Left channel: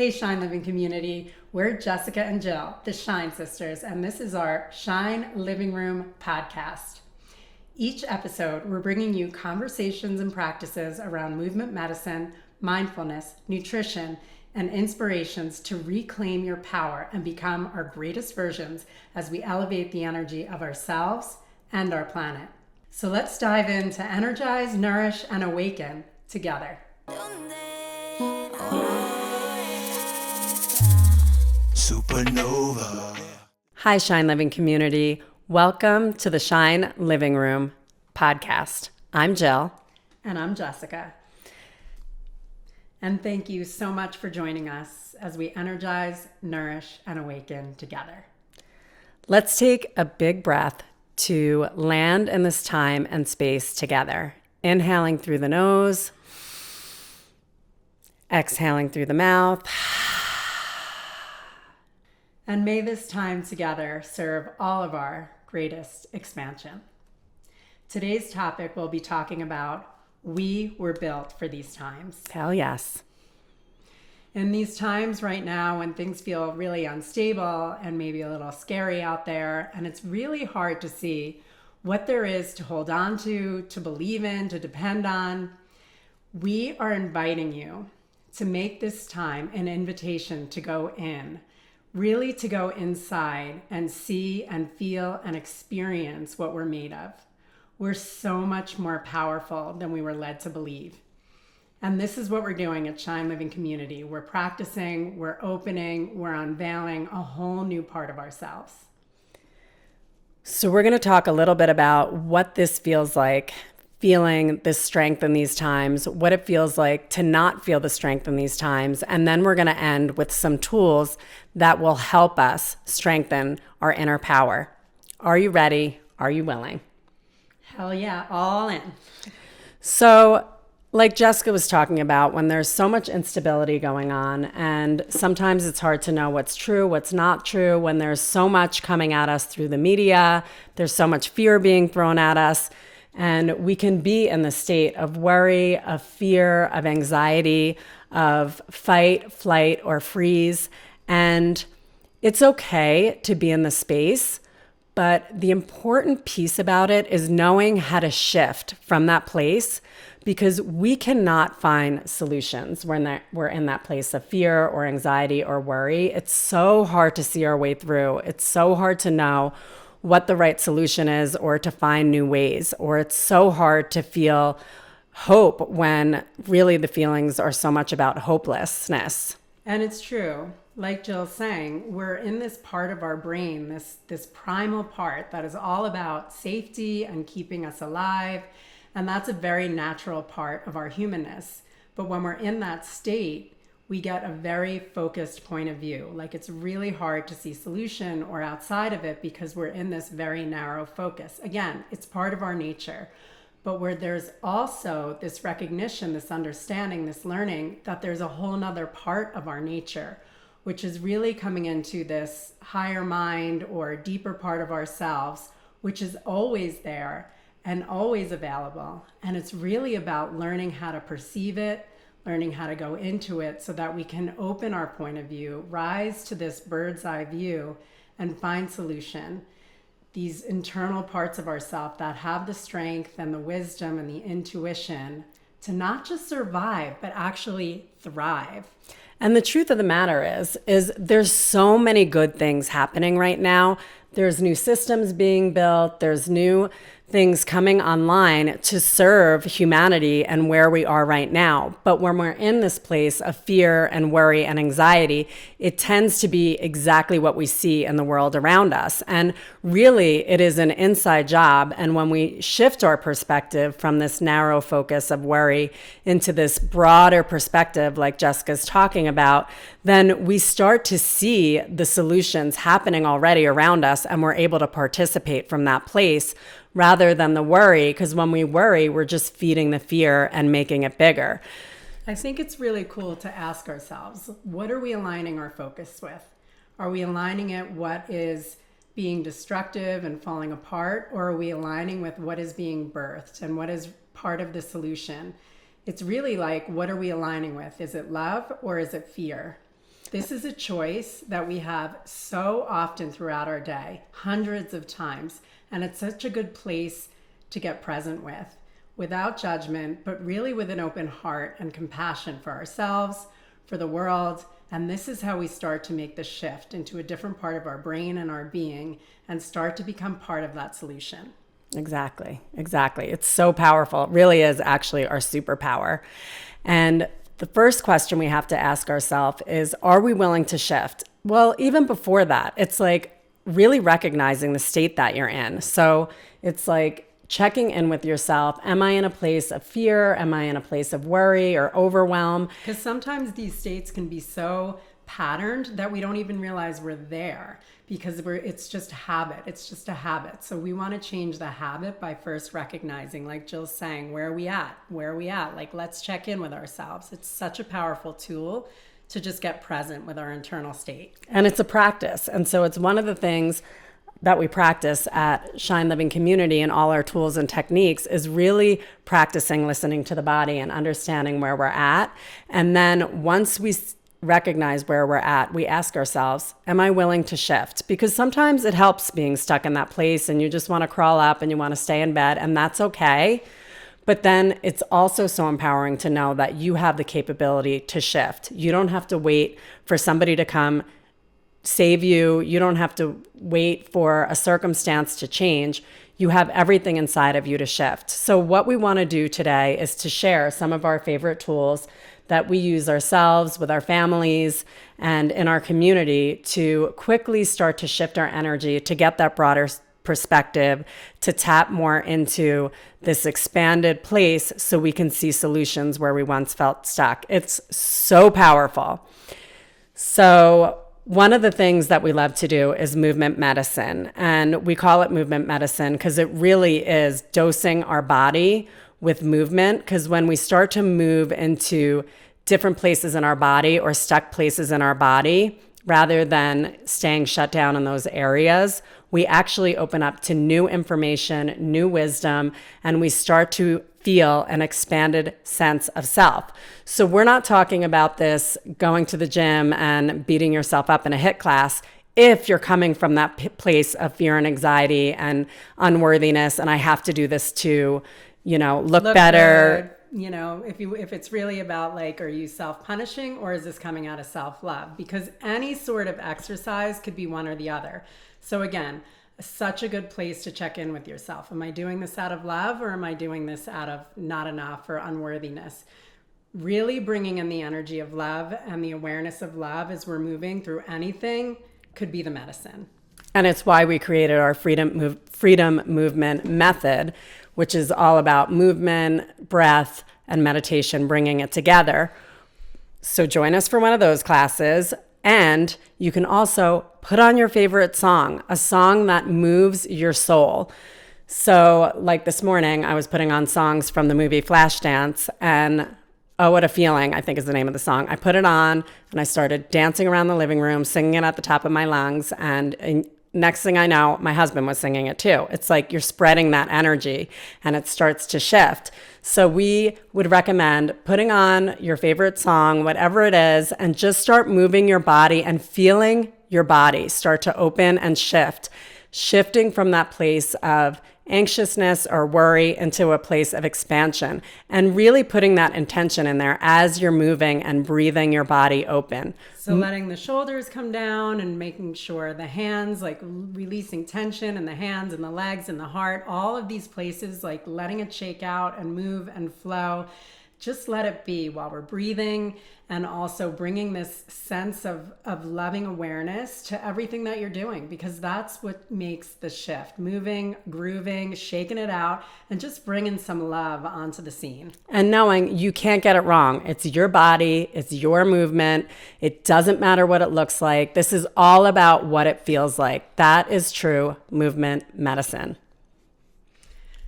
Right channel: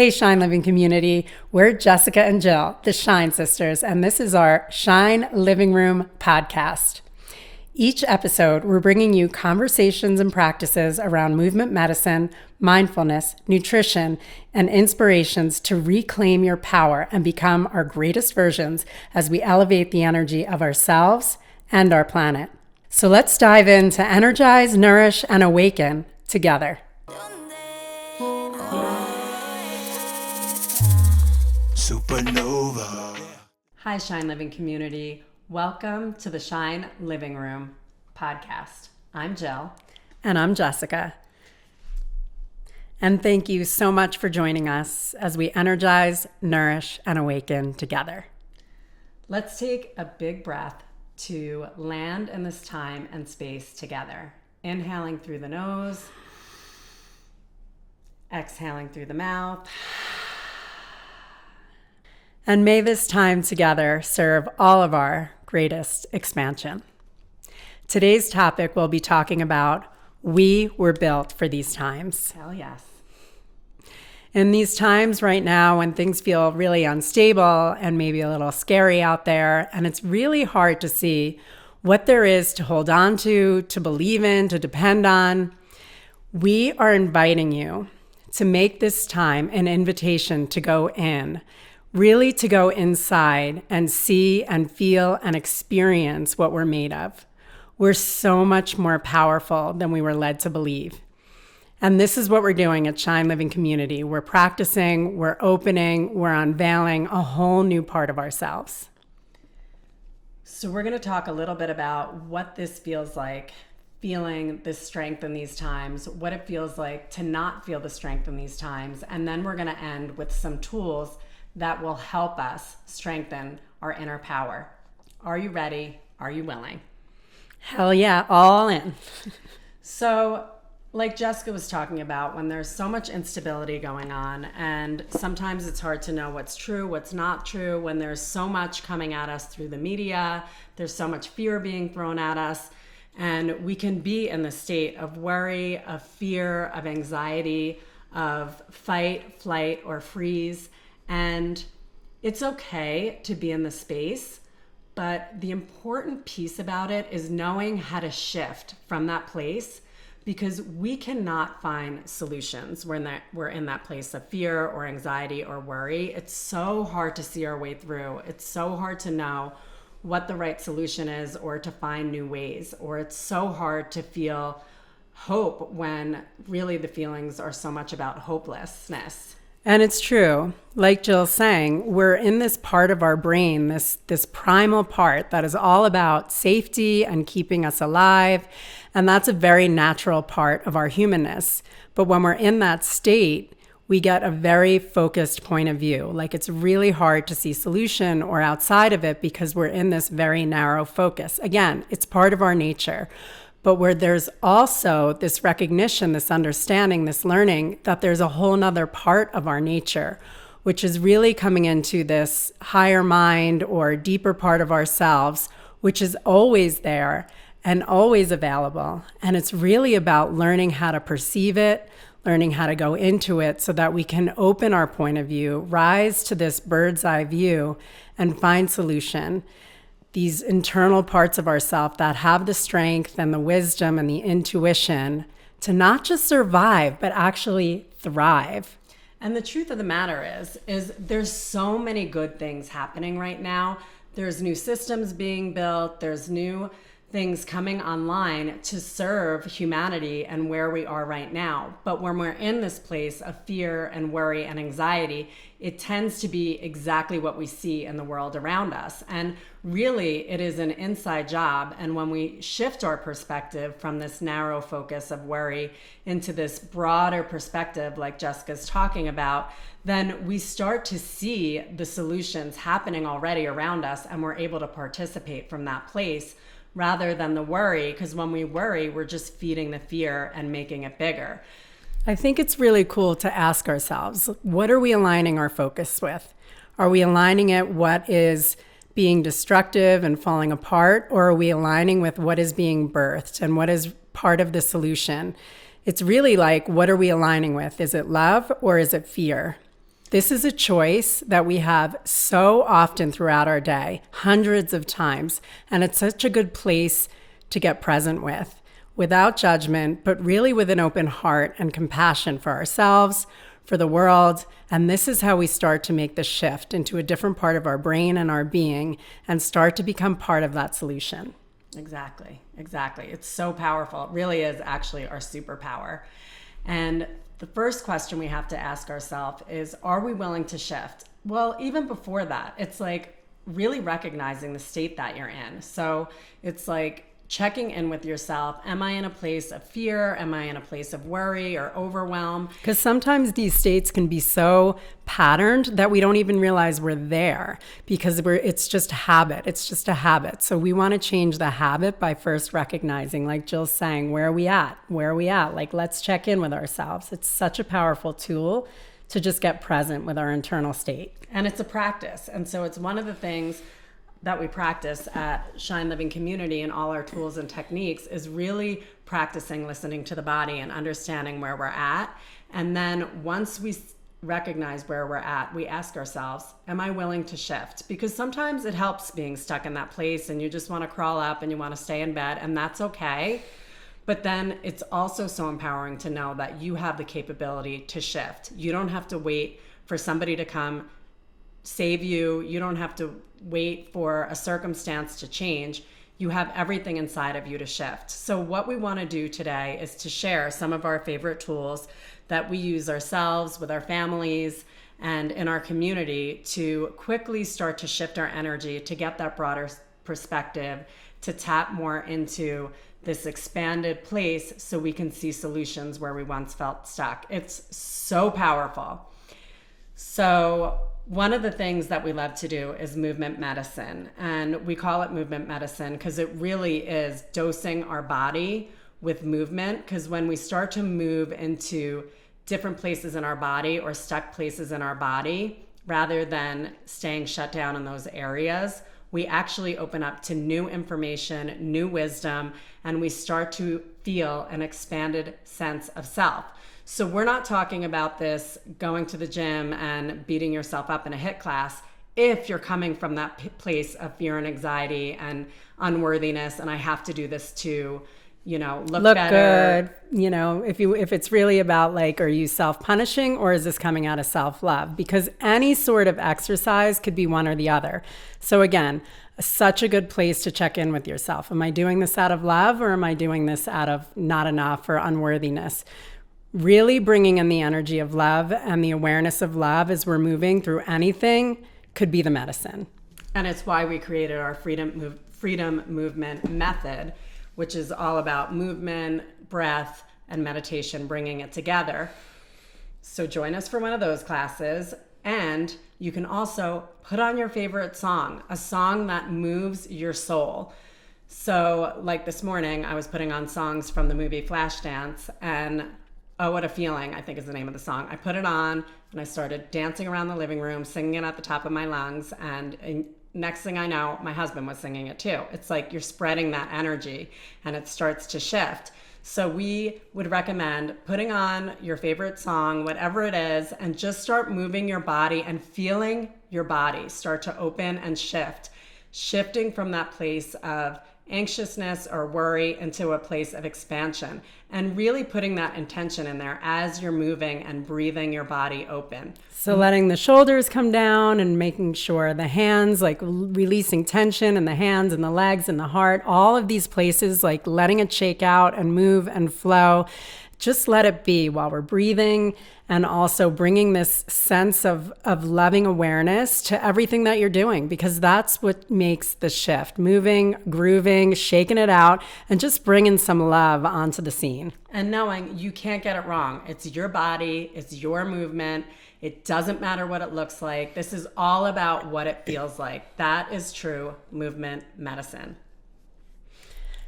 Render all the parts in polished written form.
Hey, Shine Living community. We're Jessica and Jill, the Shine Sisters, and this is our Shine Living Room podcast. Each episode, we're bringing you conversations and practices around movement medicine, mindfulness, nutrition, and inspirations to reclaim your power and become our greatest versions as we elevate the energy of ourselves and our planet. So let's dive into energize, nourish, and awaken together. Supernova. Hi, Shine Living community. Welcome to the Shine Living Room podcast. I'm Jill. And I'm Jessica. And thank you so much for joining us as we energize, nourish, and awaken together. Let's take a big breath to land in this time and space together. Inhaling through the nose, exhaling through the mouth. And may this time together serve all of our greatest expansion. Today's topic we'll be talking about we were built for these times. Hell yes. In these times right now when things feel really unstable and maybe a little scary out there, and it's really hard to see what there is to hold on to believe in, to depend on, we are inviting you to make this time an invitation to go in. Really to go inside and see and feel and experience what we're made of. We're so much more powerful than we were led to believe. And this is what we're doing at Shine Living Community. We're practicing, we're opening, we're unveiling a whole new part of ourselves. So we're going to talk a little bit about what this feels like, feeling this strength in these times, what it feels like to not feel the strength in these times. And then we're going to end with some tools that will help us strengthen our inner power. Are you ready? Are you willing? Hell yeah, all in. So, like Jessica was talking about, when there's so much instability going on, and sometimes it's hard to know what's true, what's not true, when there's so much coming at us through the media, there's so much fear being thrown at us, and we can be in the state of worry, of fear, of anxiety, of fight, flight, or freeze. And it's okay to be in the space, but the important piece about it is knowing how to shift from that place, because we cannot find solutions when we're in that place of fear or anxiety or worry. It's so hard to see our way through. It's so hard to know what the right solution is or to find new ways, or it's so hard to feel hope when really the feelings are so much about hopelessness. And it's true. Like Jill's saying, we're in this part of our brain, this primal part that is all about safety and keeping us alive. And that's a very natural part of our humanness. But when we're in that state, we get a very focused point of view. Like it's really hard to see solution or outside of it because we're in this very narrow focus. Again, it's part of our nature. But where there's also this recognition, this understanding, this learning that there's a whole nother part of our nature, which is really coming into this higher mind or deeper part of ourselves, which is always there and always available. And it's really about learning how to perceive it, learning how to go into it so that we can open our point of view, rise to this bird's eye view and find solution. These internal parts of ourselves that have the strength and the wisdom and the intuition to not just survive, but actually thrive. And the truth of the matter is there's so many good things happening right now. There's new systems being built. There's new things coming online to serve humanity and where we are right now. But when we're in this place of fear and worry and anxiety, it tends to be exactly what we see in the world around us. And really, it is an inside job. And when we shift our perspective from this narrow focus of worry into this broader perspective, like Jessica's talking about, then we start to see the solutions happening already around us, and we're able to participate from that place rather than the worry, because when we worry, we're just feeding the fear and making it bigger. I think it's really cool to ask ourselves, what are we aligning our focus with? Are we aligning it what is being destructive and falling apart, or are we aligning with what is being birthed and what is part of the solution? It's really like, what are we aligning with? Is it love or is it fear? This is a choice that we have so often throughout our day, hundreds of times, and it's such a good place to get present with, without judgment, but really with an open heart and compassion for ourselves, for the world. And this is how we start to make the shift into a different part of our brain and our being and start to become part of that solution. Exactly. It's so powerful. It really is actually our superpower. And the first question we have to ask ourselves is, are we willing to shift? Well, even before that, it's like really recognizing the state that you're in. So it's like checking in with yourself. Am I in a place of fear? Am I in a place of worry or overwhelm? Because sometimes these states can be so patterned that we don't even realize we're there because it's just habit. It's just a habit. So we want to change the habit by first recognizing, like Jill's saying, where are we at? Where are we at? Like, let's check in with ourselves. It's such a powerful tool to just get present with our internal state. And it's a practice. And so it's one of the things that we practice at Shine Living Community and all our tools and techniques is really practicing listening to the body and understanding where we're at. And then once we recognize where we're at, we ask ourselves, am I willing to shift? Because sometimes it helps being stuck in that place and you just want to crawl up and you want to stay in bed, and that's okay. But then it's also so empowering to know that you have the capability to shift. You don't have to wait for somebody to come save you. You don't have to wait for a circumstance to change. You have everything inside of you to shift. So what we want to do today is to share some of our favorite tools that we use ourselves, with our families, and in our community to quickly start to shift our energy, to get that broader perspective, to tap more into this expanded place so we can see solutions where we once felt stuck. It's so powerful. So one of the things that we love to do is movement medicine. And we call it movement medicine because it really is dosing our body with movement. Because when we start to move into different places in our body or stuck places in our body, rather than staying shut down in those areas, we actually open up to new information, new wisdom, and we start to feel an expanded sense of self. So we're not talking about this going to the gym and beating yourself up in a HIIT class if you're coming from that place of fear and anxiety and unworthiness, and I have to do this to, look better. Good. If it's really about like, are you self-punishing or is this coming out of self-love? Because any sort of exercise could be one or the other. So again, such a good place to check in with yourself. Am I doing this out of love or am I doing this out of not enough or unworthiness? Really bringing in the energy of love and the awareness of love as we're moving through anything could be the medicine. And it's why we created our freedom movement method, which is all about movement, breath, and meditation, bringing it together. So join us for one of those classes. And you can also put on your favorite song, a song that moves your soul. So like this morning, I was putting on songs from the movie Flashdance, and Oh, What a Feeling, I think is the name of the song. I put it on and I started dancing around the living room, singing it at the top of my lungs. And next thing I know, my husband was singing it too. It's like you're spreading that energy and it starts to shift. So we would recommend putting on your favorite song, whatever it is, and just start moving your body and feeling your body start to open and shift, shifting from that place of anxiousness or worry into a place of expansion, and really putting that intention in there as you're moving and breathing your body open. So letting the shoulders come down and making sure the hands, like releasing tension in the hands and the legs and the heart, all of these places, like letting it shake out and move and flow. Just let it be while we're breathing, and also bringing this sense of loving awareness to everything that you're doing, because that's what makes the shift. Moving, grooving, shaking it out, and just bringing some love onto the scene. And knowing you can't get it wrong. It's your body, it's your movement. It doesn't matter what it looks like. This is all about what it feels like. That is true movement medicine.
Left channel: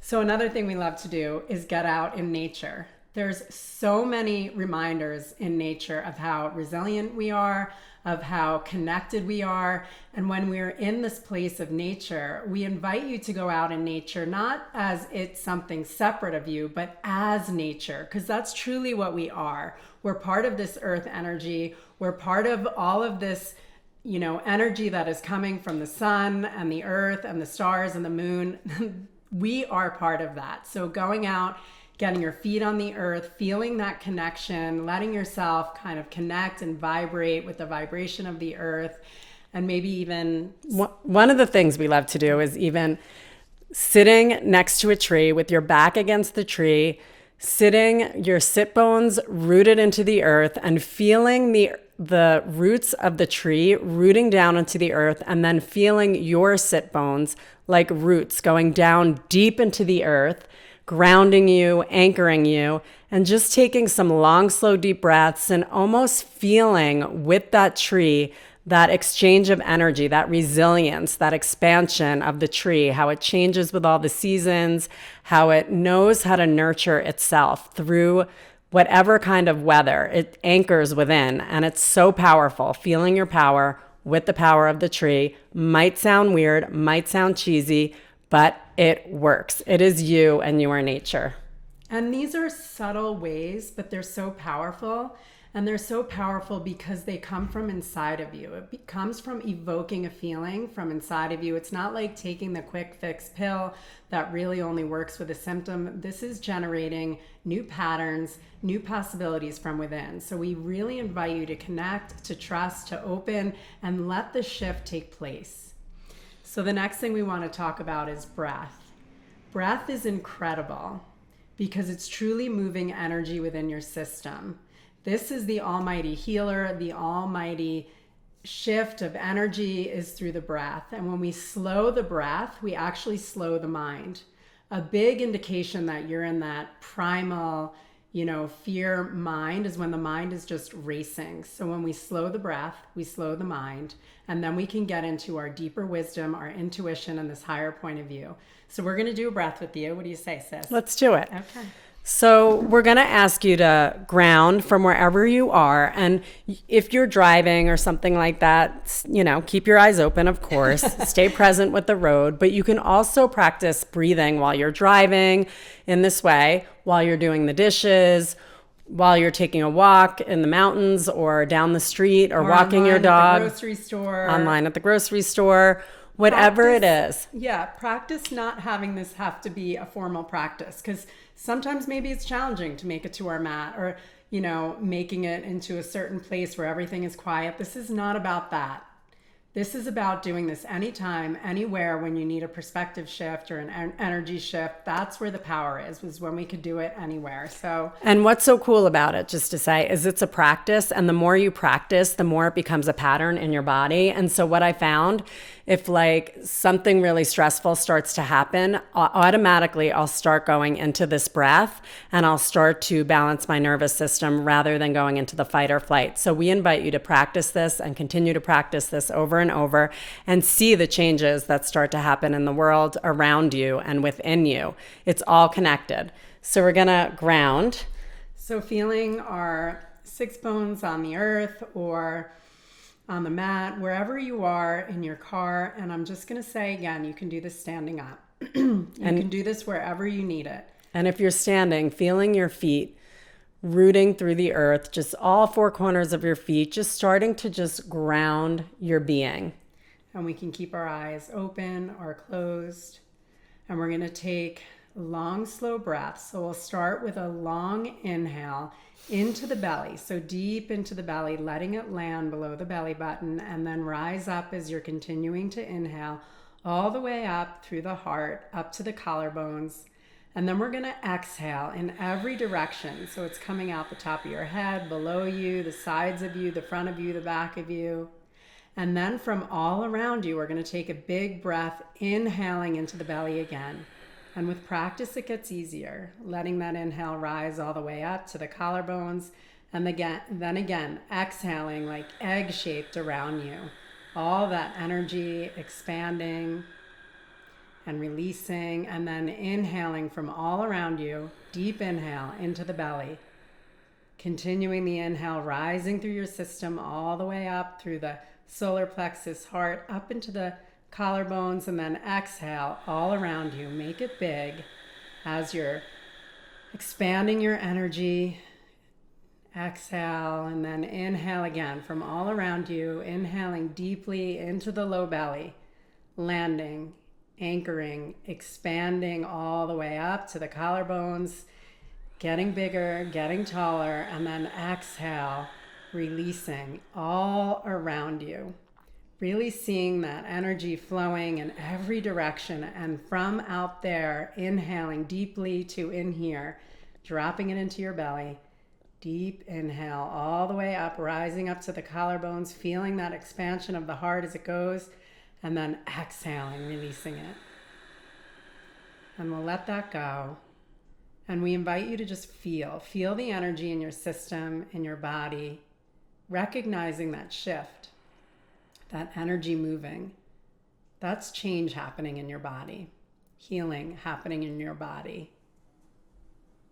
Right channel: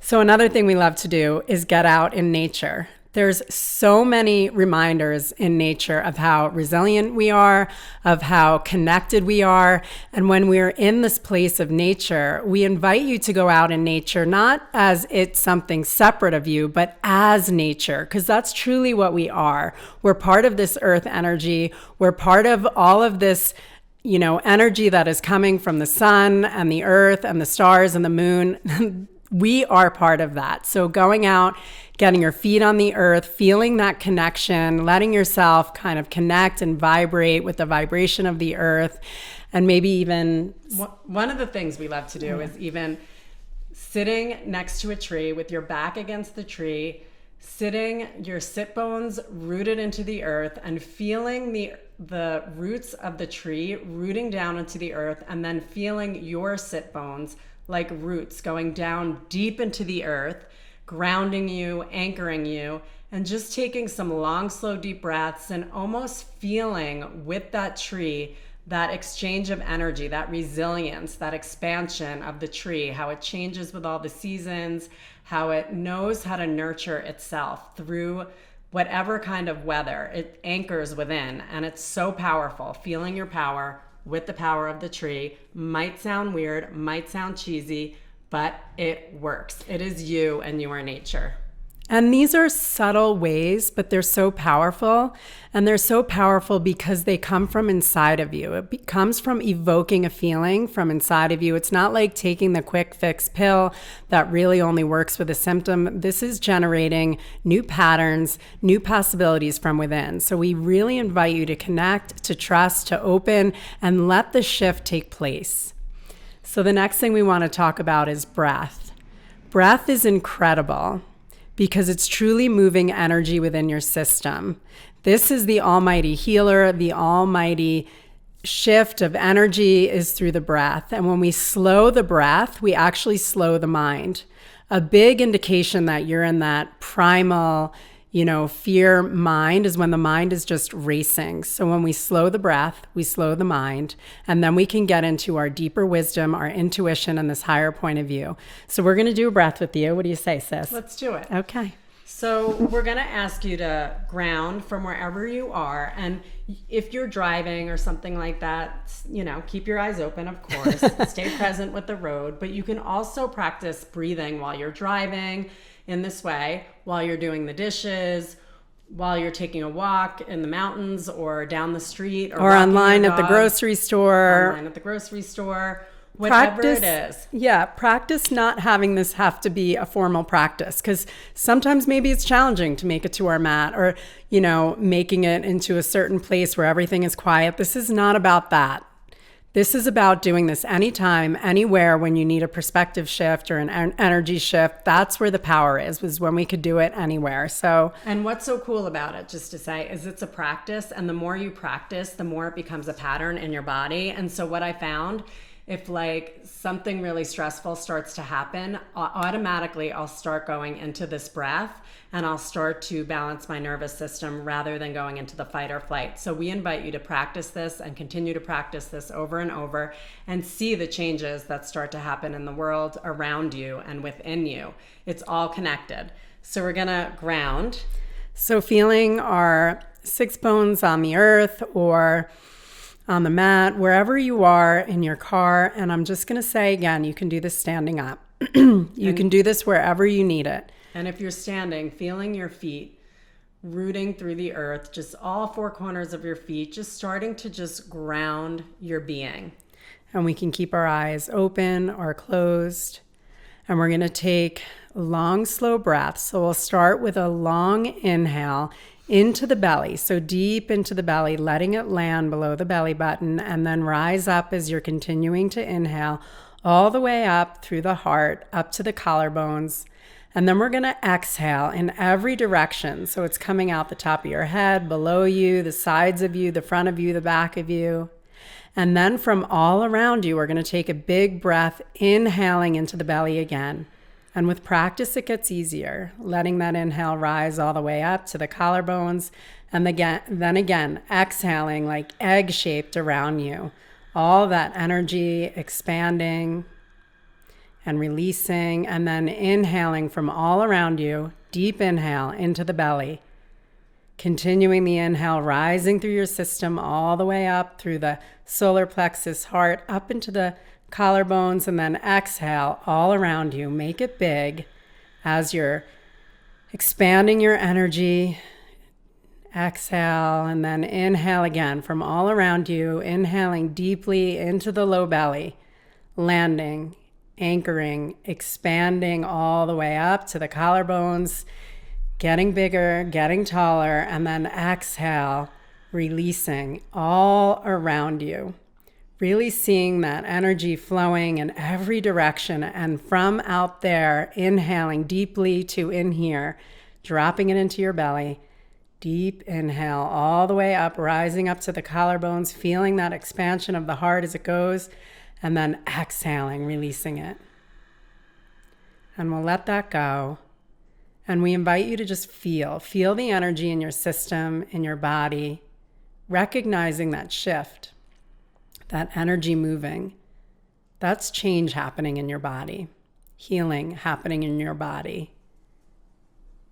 So another thing we love to do is get out in nature. There's so many reminders in nature of how resilient we are, of how connected we are. And when we're in this place of nature, we invite you to go out in nature, not as it's something separate of you, but as nature, because that's truly what we are. We're part of this earth energy. We're part of all of this, energy that is coming from the sun and the earth and the stars and the moon. We are part of that. So going out, getting your feet on the earth, feeling that connection, letting yourself kind of connect and vibrate with the vibration of the earth. And maybe even one of the things we love to do is even sitting next to a tree with your back against the tree, sitting your sit bones rooted into the earth and feeling the roots of the tree rooting down into the earth, and then feeling your sit bones like roots going down deep into the earth, grounding you, anchoring you, and just taking some long, slow, deep breaths and almost feeling with that tree that exchange of energy, that resilience, that expansion of the tree, how it changes with all the seasons, how it knows how to nurture itself through whatever kind of weather it anchors within. And it's so powerful. Feeling your power with the power of the tree might sound weird, might sound cheesy, but it works. It is you and you are nature. And these are subtle ways, but they're so powerful. And they're so powerful because they come from inside of you. It comes from evoking a feeling from inside of you. It's not like taking the quick fix pill that really only works with a symptom. This is generating new patterns, new possibilities from within. So we really invite you to connect, to trust, to open, and let the shift take place. So the next thing we want to talk about is breath. Breath is incredible because it's truly moving energy within your system. This is the almighty healer. The almighty shift of energy is through the breath. And when we slow the breath, we actually slow the mind. A big indication that you're in that primal, fear mind is when the mind is just racing. So when we slow the breath, we slow the mind, and then we can get into our deeper wisdom, our intuition, and this higher point of view. So we're going to do a breath with you. What do you say, sis? Let's do it. Okay. So we're going to ask you to ground from wherever you are. And if you're driving or something like that, keep your eyes open, of course. Stay present with the road. But you can also practice breathing while you're driving in this way, while you're doing the dishes, while you're taking a walk in the mountains or down the street or walking online your dog, at the grocery store. Online at the grocery store. Whatever it is. Yeah, practice not having this have to be a formal practice, because sometimes maybe it's challenging to make it to our mat or, making it into a certain place where everything is quiet. This is not about that. This is about doing this anytime, anywhere when you need a perspective shift or an energy shift. That's where the power is, was when we could do it anywhere. So, and what's so cool about it, just to say, is it's a practice. And the more you practice, the more it becomes a pattern in your body. And so what I found, if something really stressful starts to happen, automatically I'll start going into this breath and I'll start to balance my nervous system rather than going into the fight or flight. So we invite you to practice this and continue to practice this over and over and see the changes that start to happen in the world around you and within you. It's all connected. So we're gonna ground. So feeling our six bones on the earth or on the mat, wherever you are in your car. And I'm just going to say again, you can do this standing up. You can do this wherever you need it. And if you're standing, feeling your feet rooting through the earth, just all four corners of your feet, just starting to just ground your being. And we can keep our eyes open or closed. And we're going to take long, slow breaths. So we'll start with a long inhale into the belly, so deep into the belly, letting it land below the belly button, and then rise up as you're continuing to inhale all the way up through the heart, up to the collarbones. And then we're going to exhale in every direction. So it's coming out the top of your head, below you, the sides of you, the front of you, the back of you. And then from all around you, we're going to take a big breath, inhaling into the belly again. And with practice, it gets easier, letting that inhale rise all the way up to the collarbones. And then again, exhaling like egg-shaped around you. All that energy expanding. and releasing, and then inhaling from all around you. Deep inhale into the belly. Continuing the inhale, rising through your system all the way up through the solar plexus, heart, up into the collarbones, and then exhale all around you. Make it big as you're expanding your energy. Exhale, and then inhale again from all around you, inhaling deeply into the low belly, landing, anchoring, expanding all the way up to the collarbones, getting bigger, getting taller, and then exhale, releasing all around you. Really seeing that energy flowing in every direction, and from out there, inhaling deeply to in here, dropping it into your belly. Deep inhale all the way up, rising up to the collarbones, feeling that expansion of the heart as it goes, and then exhaling, releasing it. And we'll let that go. And we invite you to just feel the energy in your system, in your body, recognizing that shift, that energy moving. That's change happening in your body, healing happening in your body.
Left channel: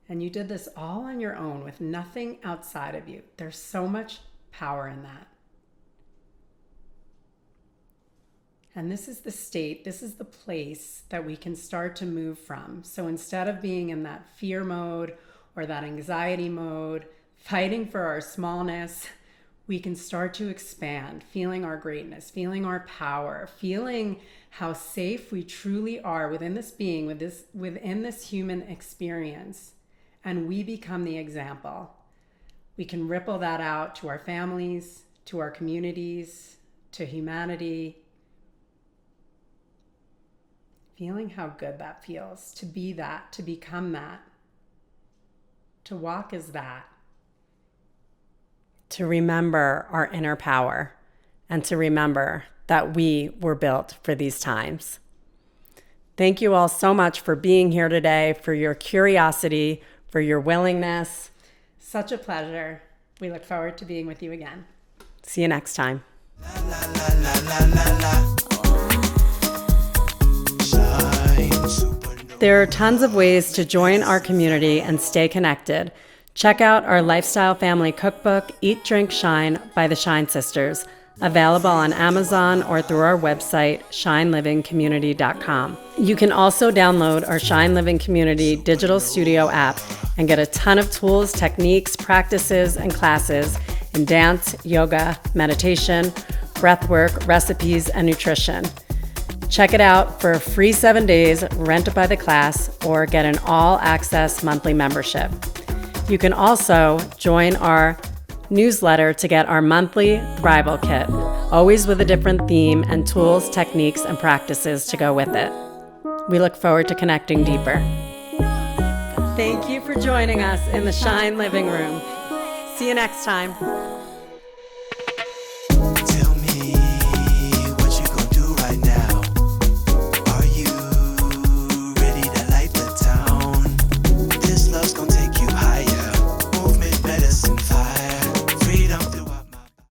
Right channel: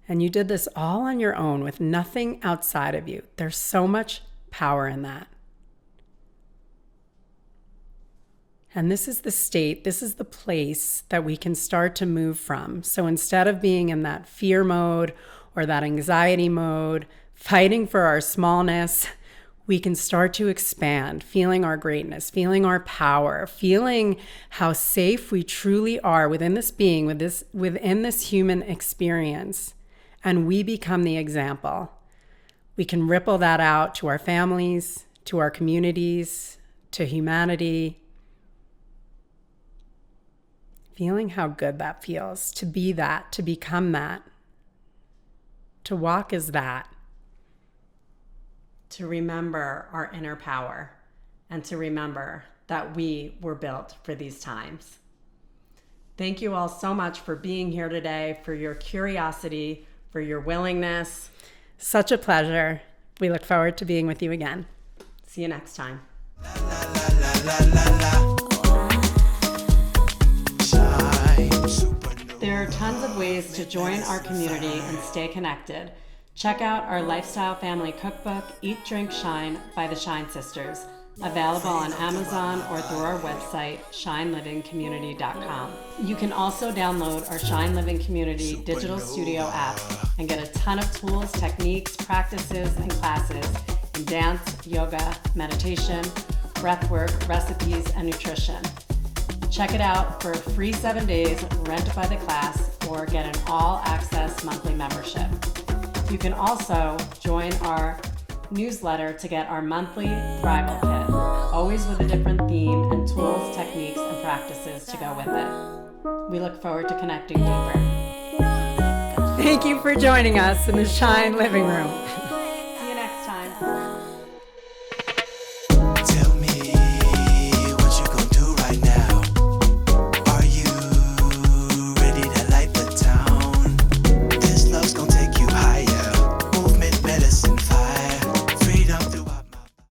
And you did this all on your own with nothing outside of you. There's so much power in that. And this is the state, this is the place that we can start to move from. So instead of being in that fear mode or that anxiety mode, fighting for our smallness, we can start to expand, feeling our greatness, feeling our power, feeling how safe we truly are within this being, within this human experience. And we become the example. We can ripple that out to our families, to our communities, to humanity. Feeling how good that feels, to be that, to become that, to walk as that, to remember our inner power, and to remember that we were built for these times. Thank you all so much for being here today, for your curiosity, for your willingness. Such a pleasure. We look forward to being with you again. See you next time. There are tons of ways to join our community and stay connected. Check out our Lifestyle Family Cookbook, Eat, Drink, Shine by the Shine Sisters, available on Amazon or through our website, shinelivingcommunity.com. You can also download our Shine Living Community digital studio app and get a ton of tools, techniques, practices, and classes in dance, yoga, meditation, breathwork, recipes, and nutrition. Check it out for a free 7 days, rent it by the class, or get an all-access monthly membership. You can also join our newsletter to get our monthly Thrival Kit, always with a different theme and tools, techniques, and practices to go with it. We look forward to connecting deeper. Thank you for joining us in the Shine Living Room. See you next time.